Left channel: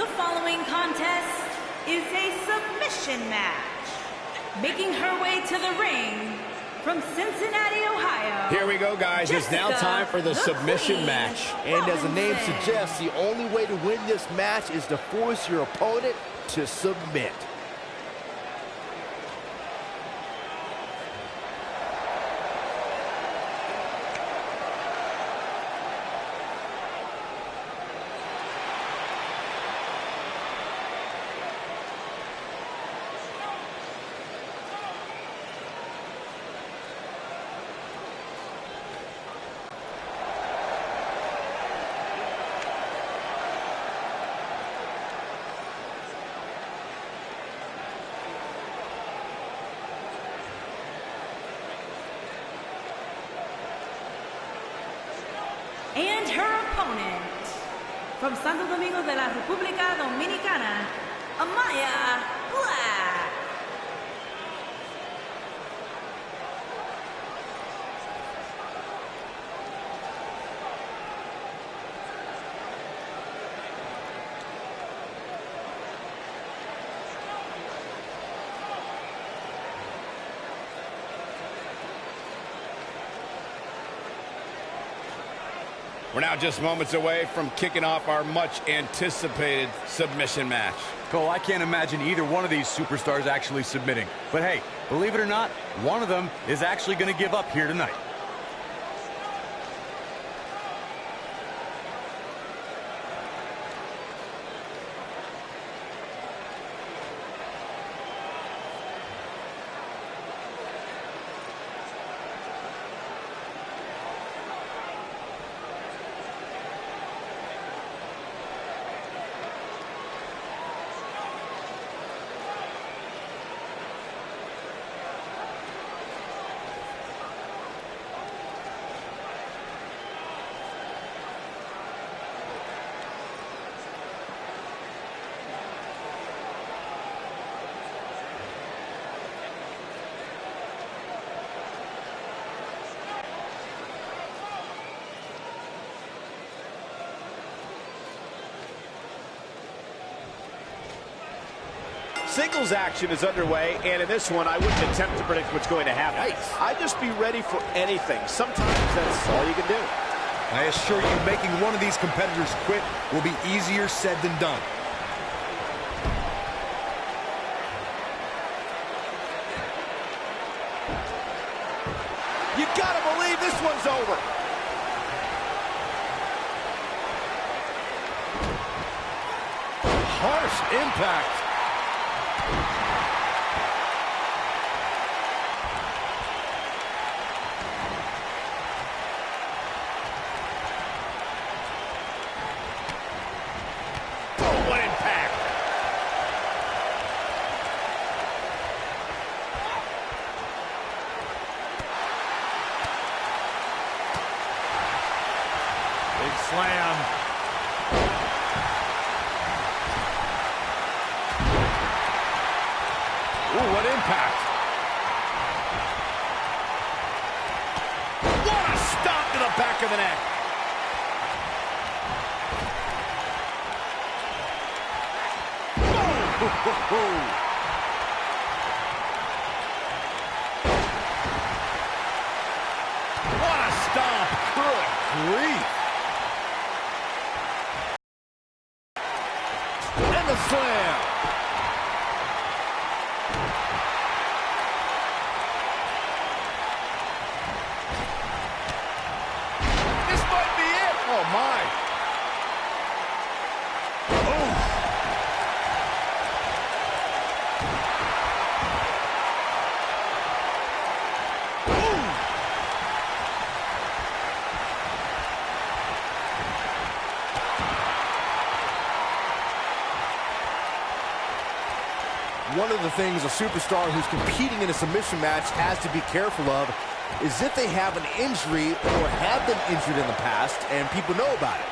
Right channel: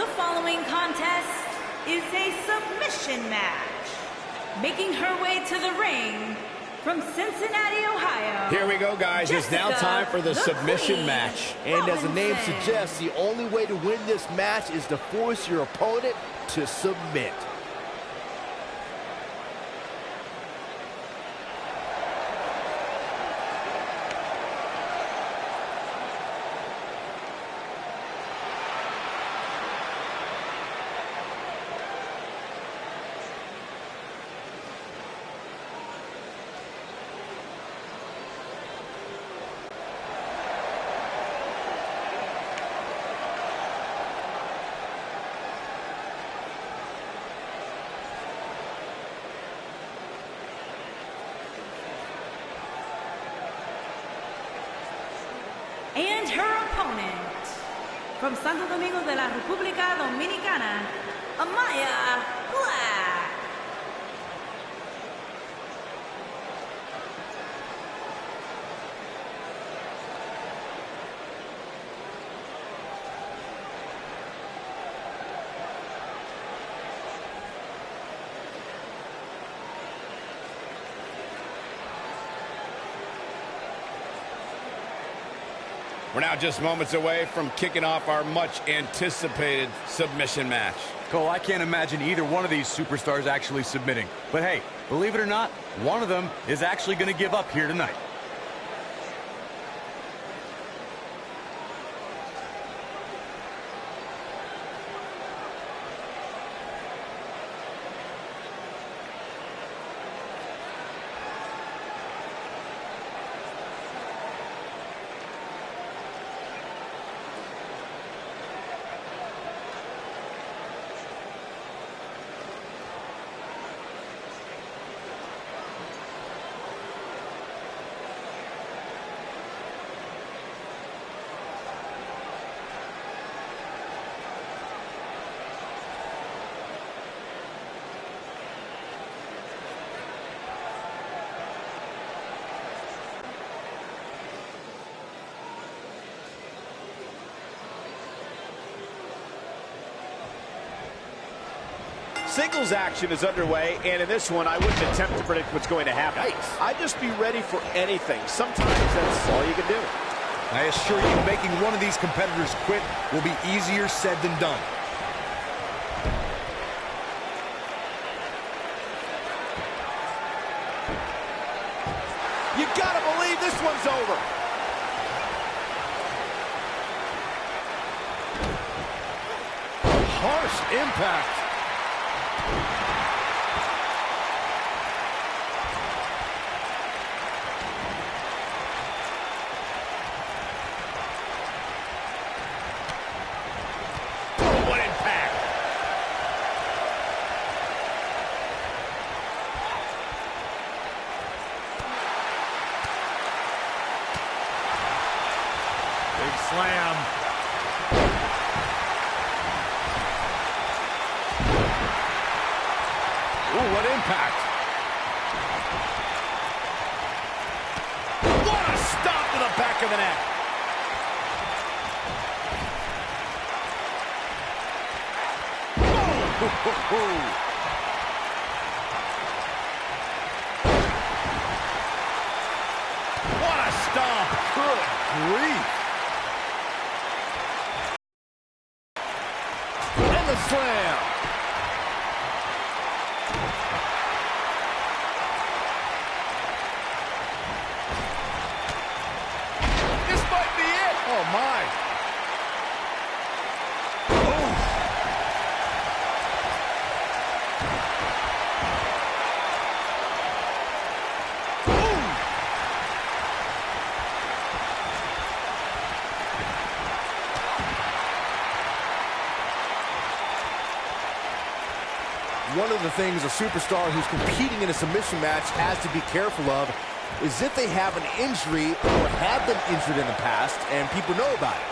The following contest is a submission match. Making her way to the ring from Cincinnati, Ohio. Here we go, guys. Jessica, it's now time for the submission Queen match. And as the name Robinson. suggests, the only way to win this match is to force your opponent to submit. And her opponent, from Santo Domingo de la República Dominicana, Amaya Black. We're now just moments away from kicking off our much-anticipated submission match. Cole, I can't imagine either one of these superstars actually submitting. But hey, believe it or not, one of them is actually going to give up here tonight. Singles action is underway, and in this one, I wouldn't attempt to predict what's going to happen. Nice. I'd just be ready for anything. Sometimes that's all you can do. I assure you, making one of these competitors quit will be easier said than done. You gotta believe this one's over. Harsh impact. Oh, what impact. Big slam. Ooh, what impact. What a stomp to the back of the neck. What a stomp. Good grief. And the slam. This might be it. Oh, my. One of the things a superstar who's competing in a submission match has to be careful of is if they have an injury or have been injured in the past and people know about it.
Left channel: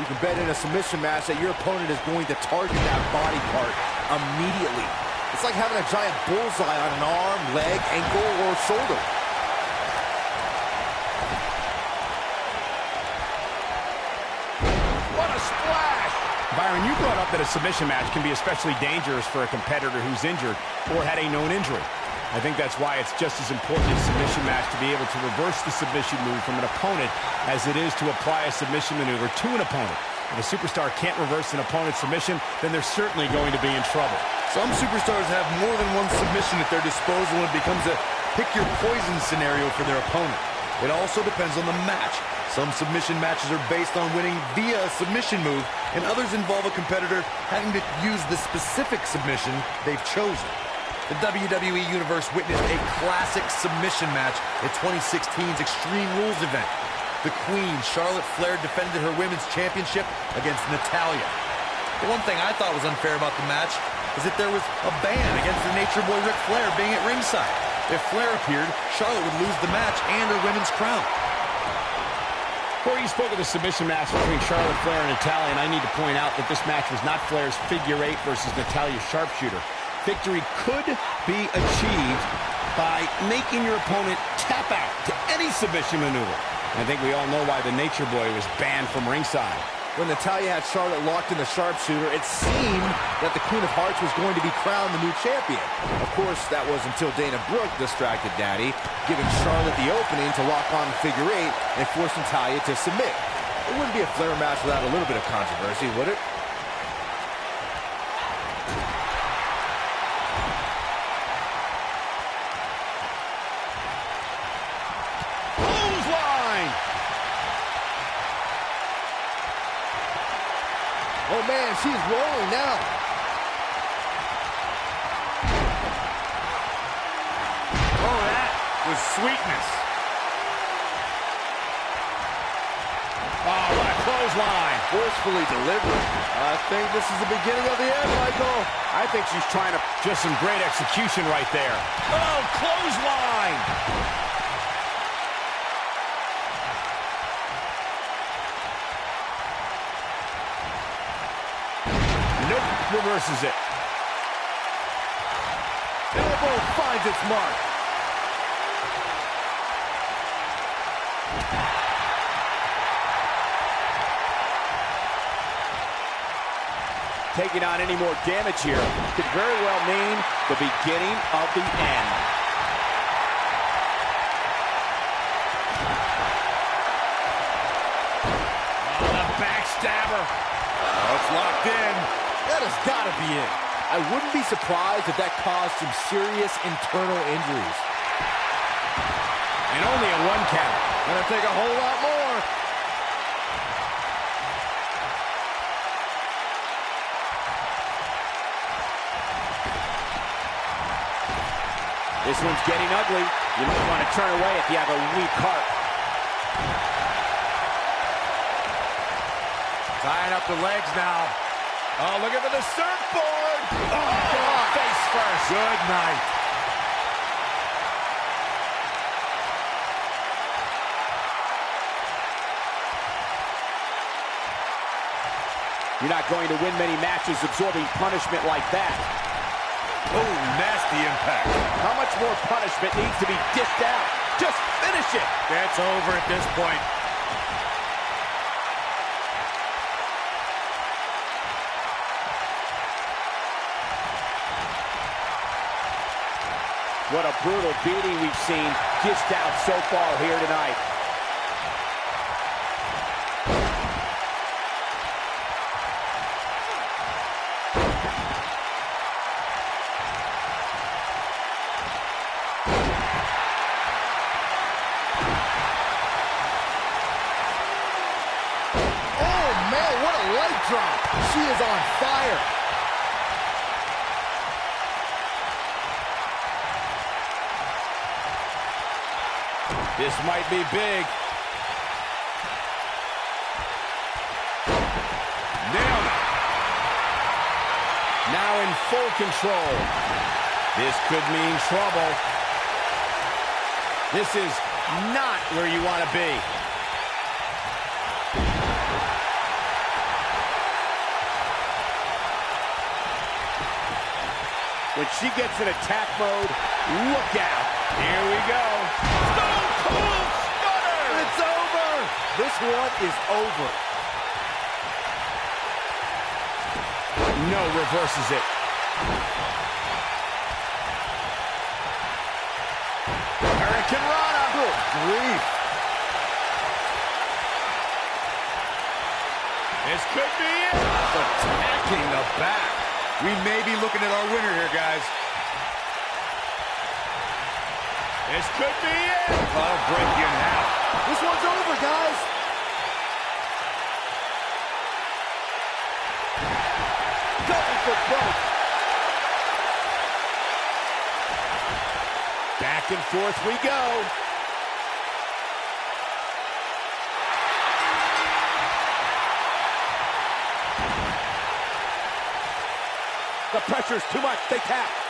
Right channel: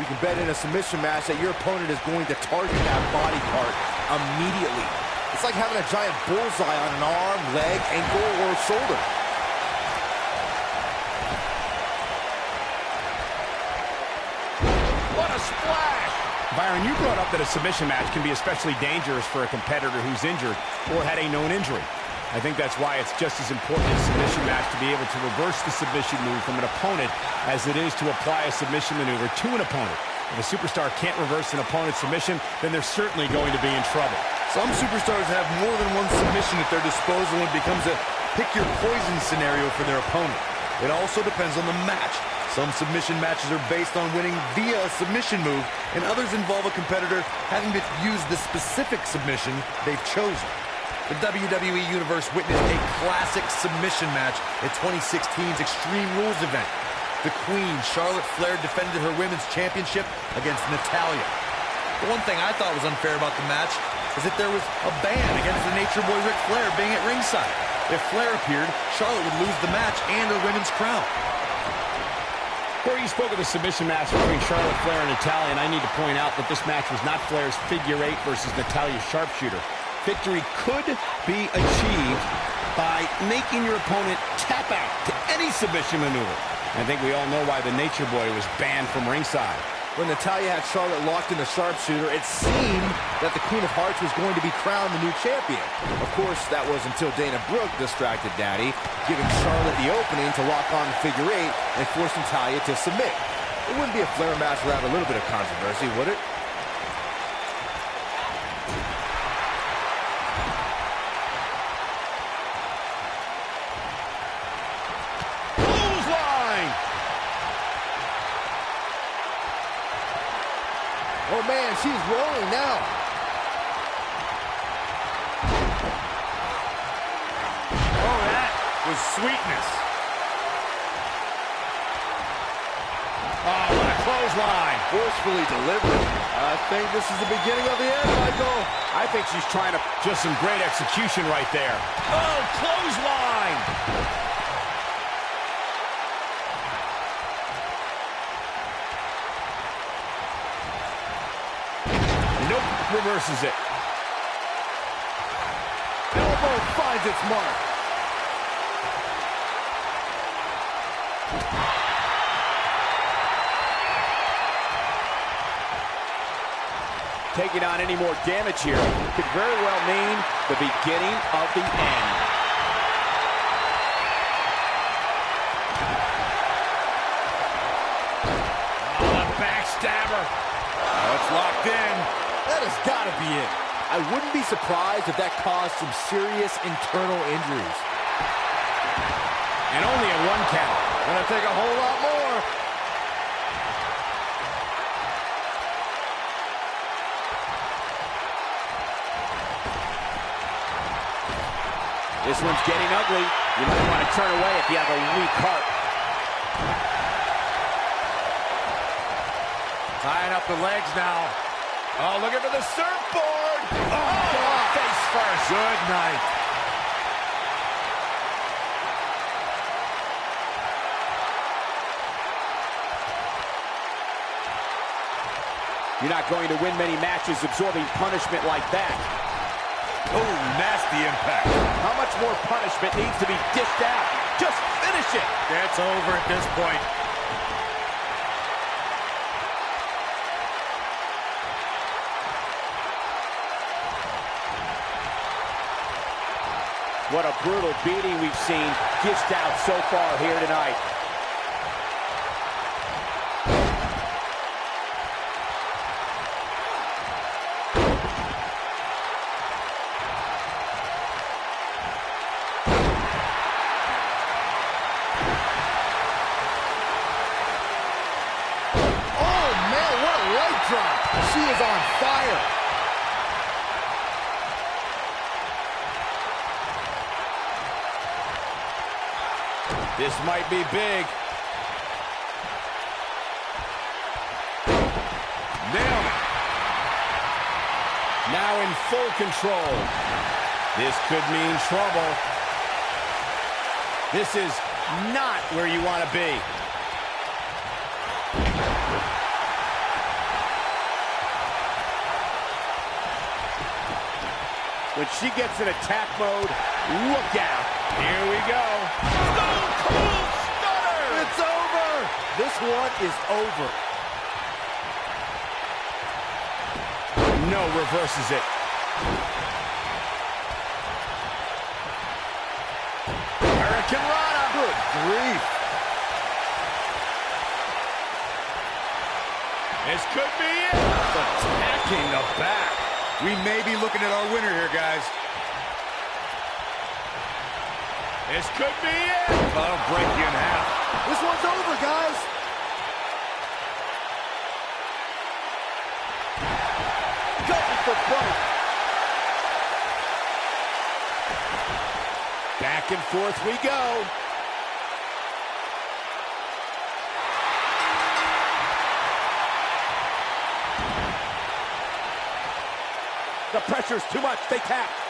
You can bet in a submission match that your opponent is going to target that body part immediately. It's like having a giant bullseye on an arm, leg, ankle, or shoulder. What a splash. Byron, you brought up that a submission match can be especially dangerous for a competitor who's injured or had a known injury. I think that's why it's just as important in a submission match to be able to reverse the submission move from an opponent as it is to apply a submission maneuver to an opponent. If a superstar can't reverse an opponent's submission, then they're certainly going to be in trouble. Some superstars have more than one submission at their disposal, and it becomes a pick-your-poison scenario for their opponent. It also depends on the match. Some submission matches are based on winning via a submission move, and others involve a competitor having to use the specific submission they've chosen. The WWE Universe witnessed a classic submission match at 2016's Extreme Rules event. The Queen, Charlotte Flair, defended her Women's Championship against Natalya. The one thing I thought was unfair about the match is that there was a ban against the Nature Boy Ric Flair being at ringside. If Flair appeared, Charlotte would lose the match and her women's crown. Corey, you spoke of the submission match between Charlotte Flair and Natalya, and I need to point out that this match was not Flair's figure eight versus Natalya's sharpshooter. Victory could be achieved by making your opponent tap out to any submission maneuver. I think we all know why the Nature Boy was banned from ringside. When Natalya had Charlotte locked in the sharpshooter, it seemed that the Queen of Hearts was going to be crowned the new champion. Of course, that was until Dana Brooke distracted Daddy, giving Charlotte the opening to lock on the figure eight and force Natalya to submit. It wouldn't be a Flair match without a little bit of controversy, would it? Oh, man, she's rolling now. Oh, that was sweetness. Oh, what a clothesline. Forcefully delivered. I think this is the beginning of the end, Michael. I think she's trying to... Just some great execution right there. Oh, clothesline. Nope, reverses it. Elbow finds its mark. Taking on any more damage here could very well mean the beginning of the end. Oh, the backstabber. Oh, it's locked in. That has got to be it. I wouldn't be surprised if that caused some serious internal injuries. And only a one count. Gonna take a whole lot more. This one's getting ugly. You might want to turn away if you have a weak heart. Tying up the legs now. Oh, looking for the surfboard. God. Face first. Good night. You're not going to win many matches absorbing punishment like that. Oh, nasty impact. How much more punishment needs to be dished out? Just finish it. That's over at this point. What a brutal beating we've seen dished out so far here tonight. Oh, man, what a leg drop. She is on fire. This might be big. Nailed it. Now in full control. This could mean trouble. This is not where you want to be. When she gets in attack mode, look out. Here we go. Stone Cold Stunner! It's over. This one is over. No, reverses it. Hurricane Rana. Good grief. This could be it. Attacking the back. We may be looking at our winner here, guys. This could be it. That'll break you in half. This one's over, guys. Going for broke. Back and forth we go. The pressure's too much. They tap.